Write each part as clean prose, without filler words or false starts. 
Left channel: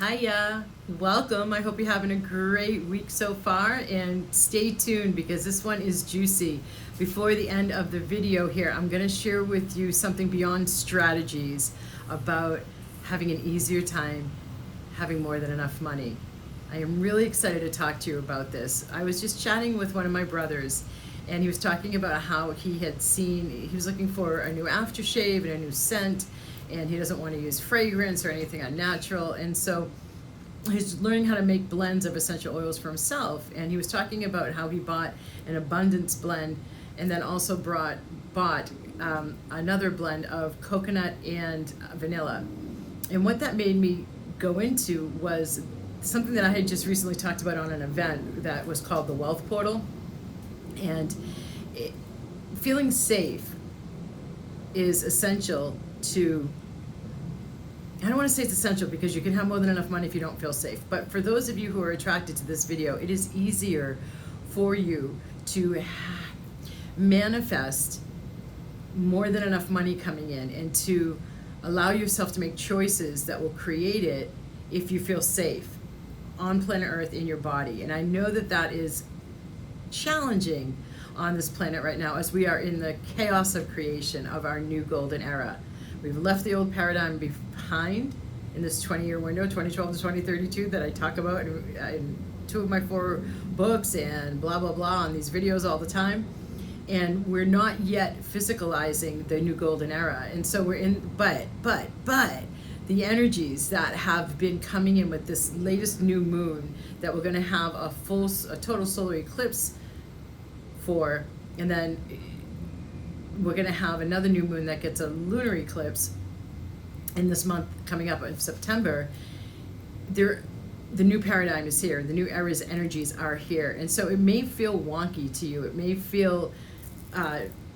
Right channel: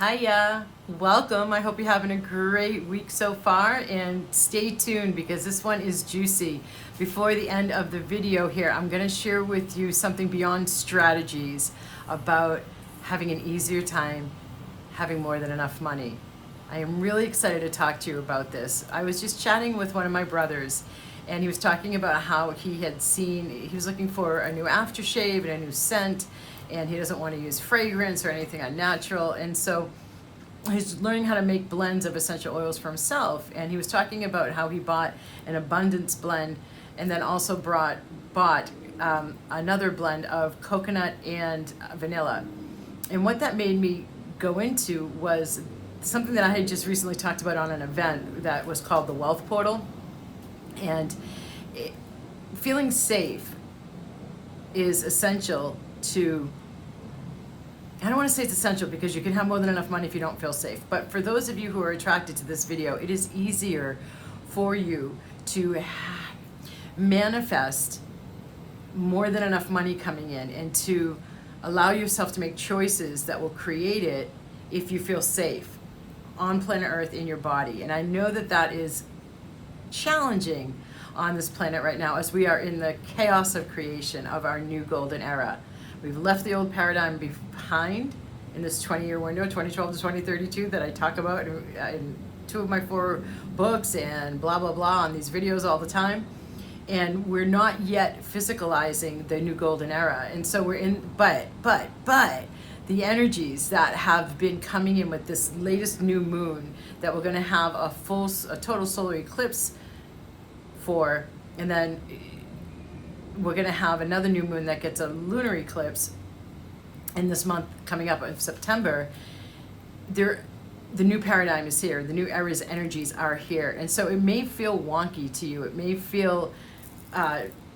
Hiya, welcome. I hope you're having a great week so far, and stay tuned because this one is juicy. Before the end of the video here, I'm going to share with you something beyond strategies about having an easier time having more than enough money. I am really excited to talk to you about this. I was just chatting with one of my brothers, and he was talking about how he was looking for a new aftershave and a new scent, and he doesn't want to use fragrance or anything unnatural. And so he's learning how to make blends of essential oils for himself. And he was talking about how he bought an abundance blend and then also bought another blend of coconut and vanilla. And what that made me go into was something that I had just recently talked about on an event that was called the Wealth Portal. And feeling safe is essential to, I don't want to say it's essential because you can have more than enough money if you don't feel safe. But for those of you who are attracted to this video, it is easier for you to manifest more than enough money coming in and to allow yourself to make choices that will create it if you feel safe on planet Earth in your body. And I know that that is challenging on this planet right now as we are in the chaos of creation of our new golden era. We've left the old paradigm behind in this 20-year window, 2012 to 2032, that I talk about in 2 of my 4 books and blah, blah, blah on these videos all the time. And we're not yet physicalizing the new golden era. And so we're in, but the energies that have been coming in with this latest new moon that we're going to have a total solar eclipse for, and then we're going to have another new moon that gets a lunar eclipse in this month coming up in September. The new paradigm is here. The new era's energies are here. And so it may feel wonky to you. It may feel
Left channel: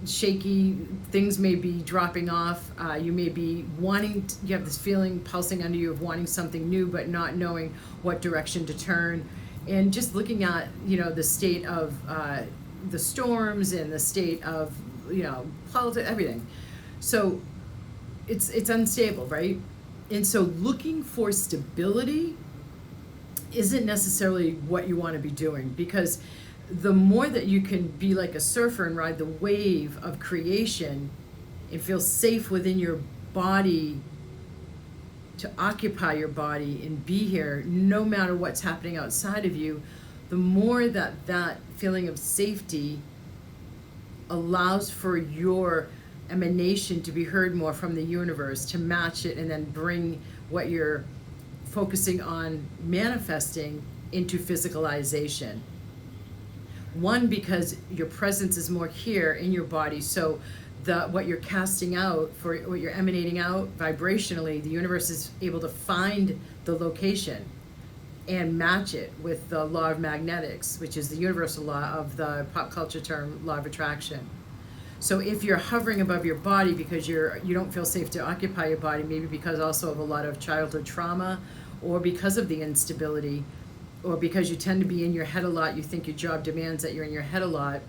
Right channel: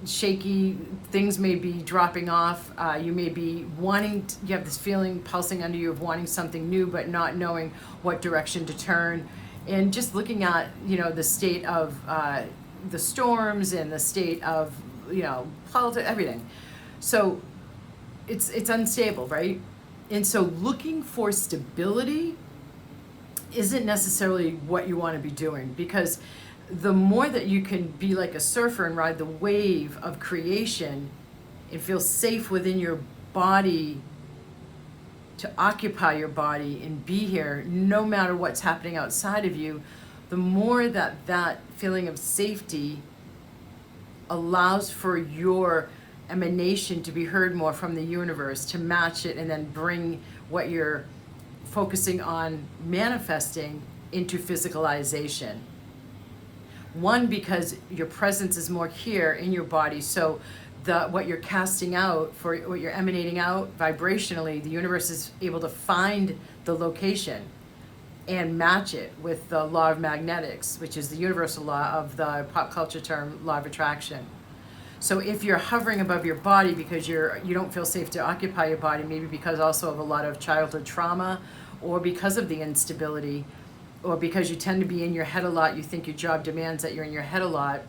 shaky. Things may be dropping off. You may be you have this feeling pulsing under you of wanting something new, but not knowing what direction to turn. And just looking at, the state of the storms and the state of, politics, everything. So it's unstable, right? And so looking for stability isn't necessarily what you want to be doing, because the more that you can be like a surfer and ride the wave of creation and feel safe within your body to occupy your body and be here no matter what's happening outside of you, the more that feeling of safety allows for your emanation to be heard more from the universe, to match it and then bring what you're focusing on manifesting into physicalization. One, because your presence is more here in your body, so what you're casting out, for what you're emanating out vibrationally, the universe is able to find the location and match it with the law of magnetics, which is the universal law of the pop culture term law of attraction. So if you're hovering above your body because you don't feel safe to occupy your body, maybe because also of a lot of childhood trauma, or because of the instability, or because you tend to be in your head a lot, you think your job demands that you're in your head a lot,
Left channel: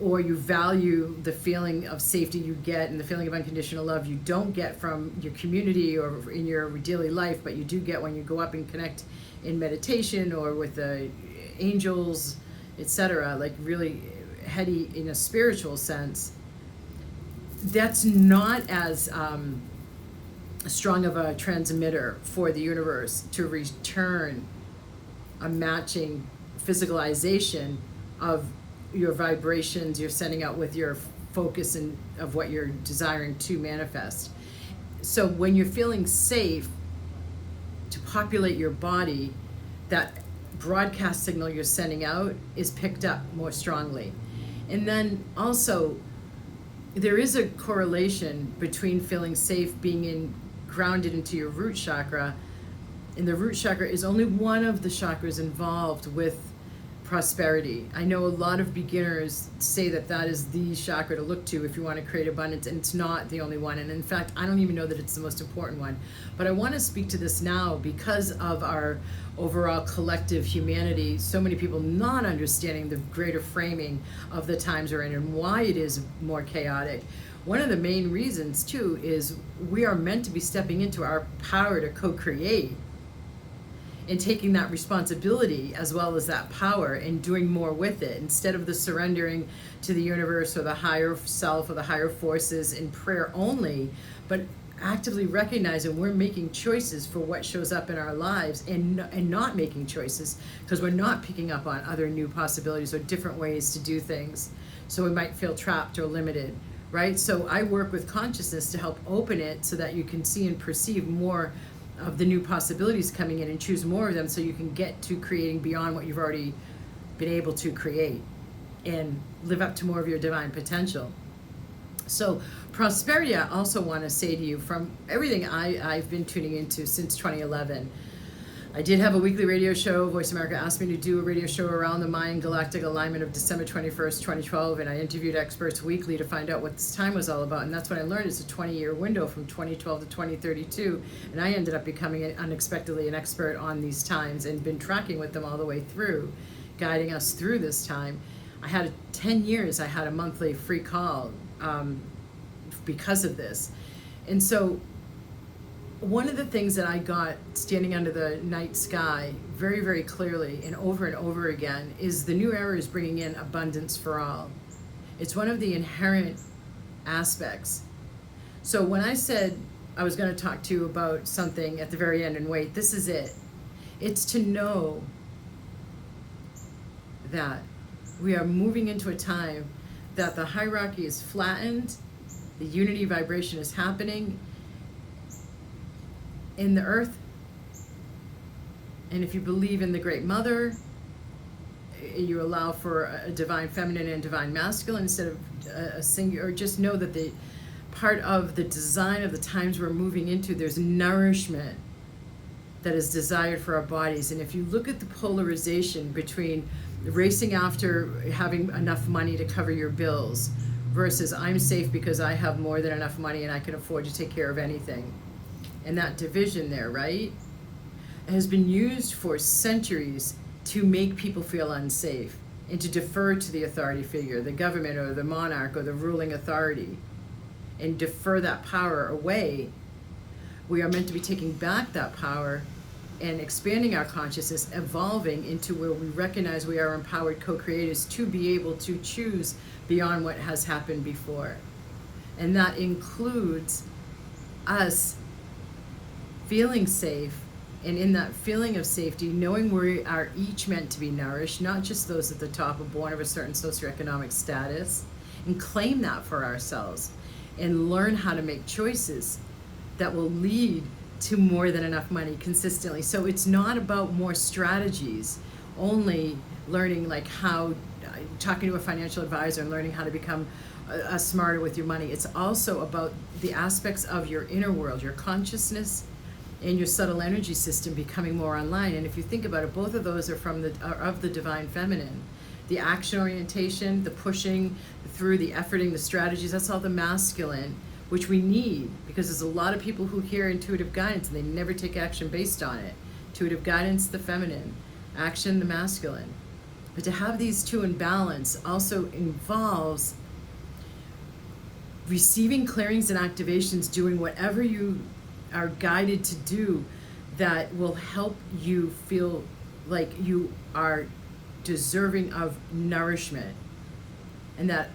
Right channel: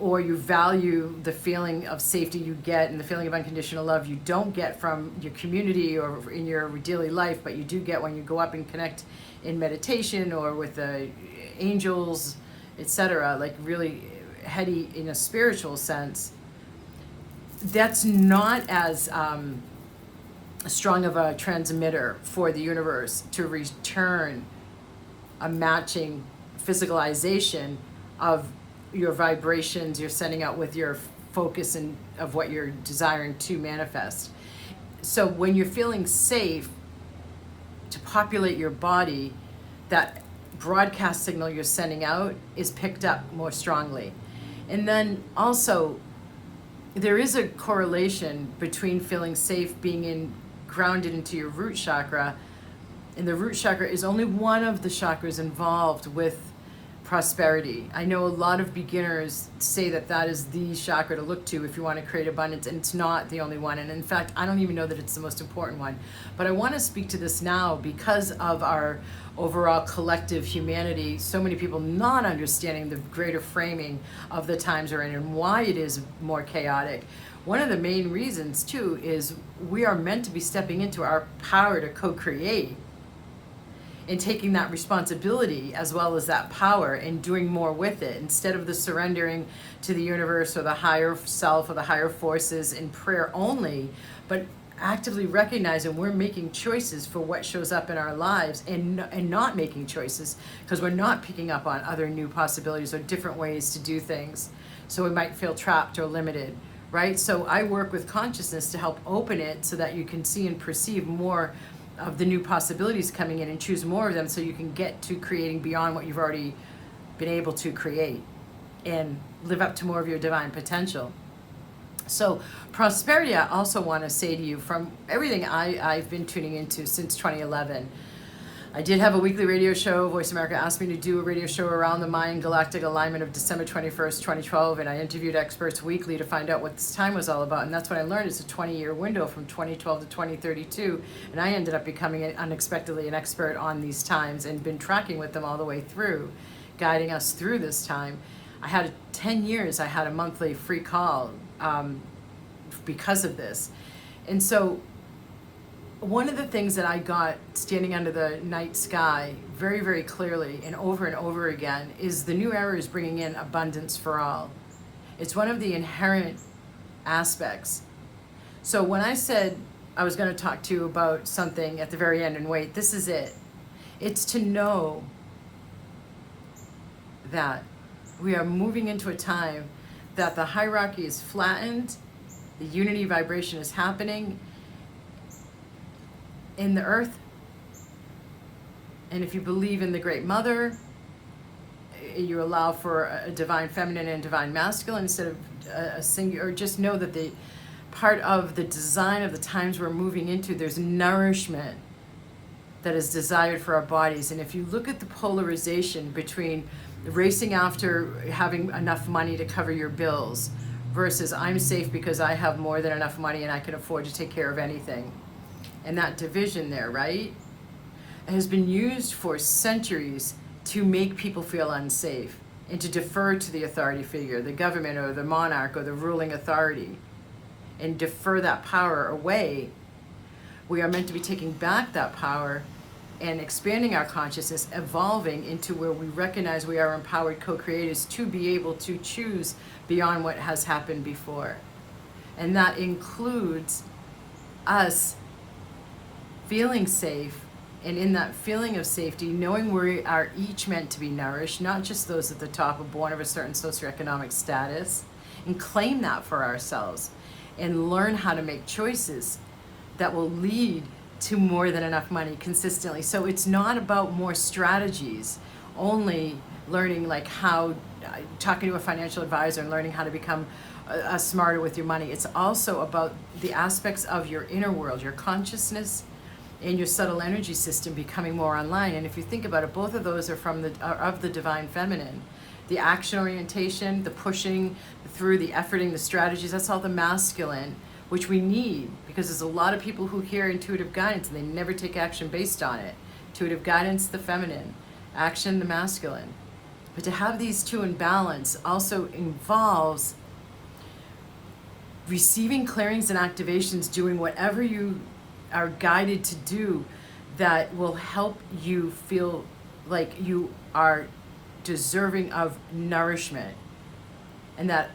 or you value the feeling of safety you get and the feeling of unconditional love you don't get from your community or in your daily life, but you do get when you go up and connect in meditation or with the angels, etc., like really heady in a spiritual sense. That's not as strong of a transmitter for the universe to return a matching physicalization of your vibrations you're sending out with your focus and of what you're desiring to manifest. So when you're feeling safe to populate your body, that broadcast signal you're sending out is picked up more strongly. And then also there is a correlation between feeling safe, being grounded into your root chakra, and the root chakra is only one of the chakras involved with prosperity. I know a lot of beginners say that is the chakra to look to if you want to create abundance, and it's not the only one. And in fact, I don't even know that it's the most important one. But I want to speak to this now because of our overall collective humanity, so many people not understanding the greater framing of the times we're in and why it is more chaotic. one of the main reasons too is we are meant to be stepping into our power to co-create and taking that responsibility as well as that power and doing more with it, instead of the surrendering to the universe or the higher self or the higher forces in prayer only, but actively recognizing we're making choices for what shows up in our lives, and not making choices because we're not picking up on other new possibilities or different ways to do things. So we might feel trapped or limited, right? So I work with consciousness to help open it so that you can see and perceive more of the new possibilities coming in and choose more of them, so you can get to creating beyond what you've already been able to create and live up to more of your divine potential. So prosperity, I also want to say to you, from everything I've been tuning into since 2011, I did have a weekly radio show. Voice America asked me to do a radio show around the Mayan galactic alignment of December 21st, 2012, and I interviewed experts weekly to find out what this time was all about. And that's what I learned, is a 20-year window from 2012 to 2032. And I ended up becoming unexpectedly an expert on these times and been tracking with them all the way through, guiding us through this time. I had 10 years, I had a monthly free call because of this. And so one of the things that I got standing under the night sky very, very clearly and over again is the new era is bringing in abundance for all. It's one of the inherent aspects. So when I said I was going to talk to you about something at the very end, and wait, this is it. It's to know that we are moving into a time that the hierarchy is flattened, the unity vibration is happening in the earth. And if you believe in the Great Mother, you allow for a divine feminine and divine masculine instead of a singular, or just know that the part of the design of the times we're moving into, there's nourishment that is desired for our bodies. And if you look at the polarization between racing after having enough money to cover your bills versus I'm safe because I have more than enough money and I can afford to take care of anything, and that division there, right, has been used for centuries to make people feel unsafe and to defer to the authority figure, the government or the monarch or the ruling authority, and defer that power away. We are meant to be taking back that power and expanding our consciousness, evolving into where we recognize we are empowered co-creators to be able to choose beyond what has happened before. And that includes us feeling safe, and in that feeling of safety, knowing we are each meant to be nourished, not just those at the top are born of a certain socioeconomic status, and claim that for ourselves and learn how to make choices that will lead to more than enough money consistently. So it's not about more strategies, only learning like how, talking to a financial advisor and learning how to become smarter with your money. It's also about the aspects of your inner world, your consciousness and your subtle energy system becoming more online. And if you think about it, both of those are of the divine feminine. The action orientation, the pushing through, the efforting, the strategies, that's all the masculine, which we need, because there's a lot of people who hear intuitive guidance and they never take action based on it. Intuitive guidance, the feminine; action, the masculine. But to have these two in balance also involves receiving clearings and activations, doing whatever you are guided to do that will help you feel like you are deserving of nourishment, and that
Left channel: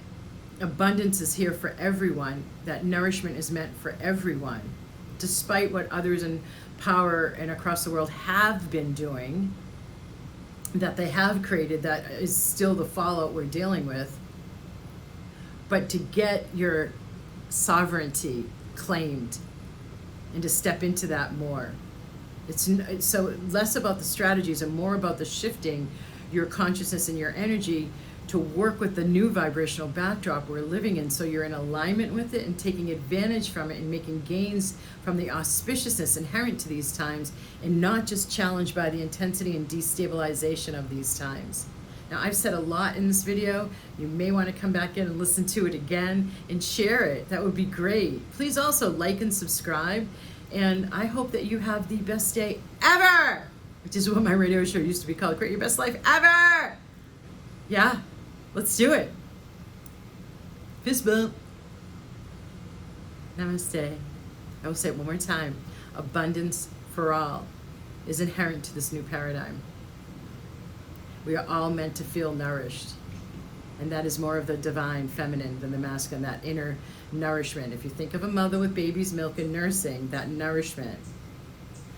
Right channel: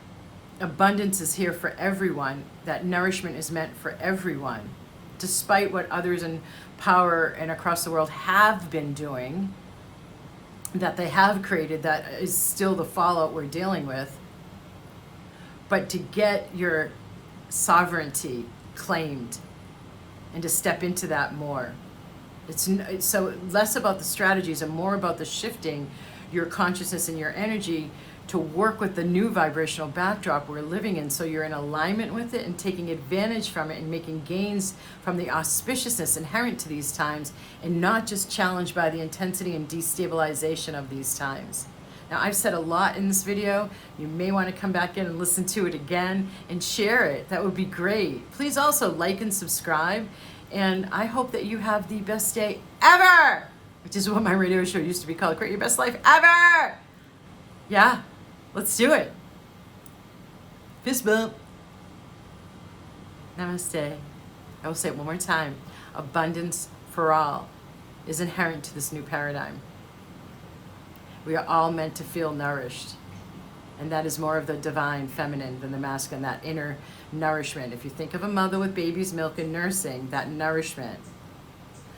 abundance is here for everyone, that nourishment is meant for everyone, despite what others in power and across the world have been doing, that they have created, that is still the fallout we're dealing with. But to get your sovereignty claimed and to step into that more, it's so less about the strategies and more about the shifting your consciousness and your energy to work with the new vibrational backdrop we're living in, so you're in alignment with it and taking advantage from it and making gains from the auspiciousness inherent to these times, and not just challenged by the intensity and destabilization of these times. Now, I've said a lot in this video. You may want to come back in and listen to it again and share it. That would be great. Please also like and subscribe, and I hope that you have the best day ever, which is what my radio show used to be called, Create Your Best Life Ever. Yeah, let's do it. Fist bump. Namaste. I will say it one more time. Abundance for all is inherent to this new paradigm. We are all meant to feel nourished. And that is more of the divine feminine than the masculine, that inner nourishment. If you think of a mother with baby's milk and nursing, that nourishment.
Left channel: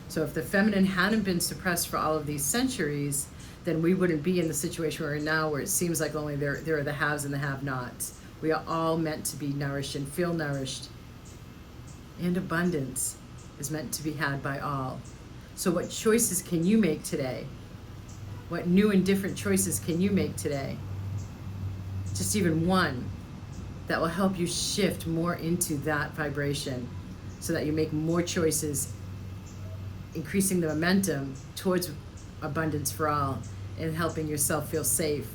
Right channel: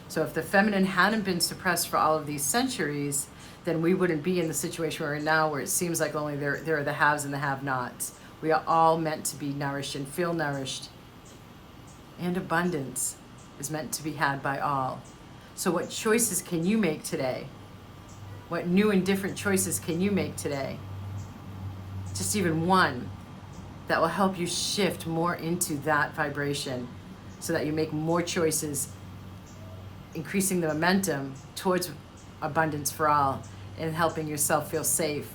So if the feminine hadn't been suppressed for all of these centuries, then we wouldn't be in the situation we're in now, where it seems like only there are the haves and the have-nots. We are all meant to be nourished and feel nourished. And abundance is meant to be had by all. So what choices can you make today? What new and different choices can you make today? Just even one that will help you shift more into that vibration so that you make more choices, increasing the momentum towards abundance for all and helping yourself feel safe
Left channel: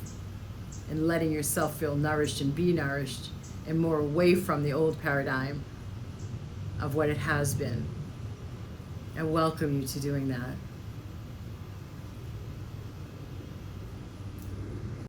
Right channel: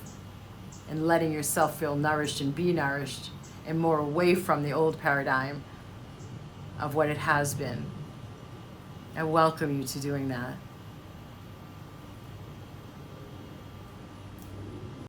and letting yourself feel nourished and be nourished and more away from the old paradigm of what it has been. I welcome you to doing that.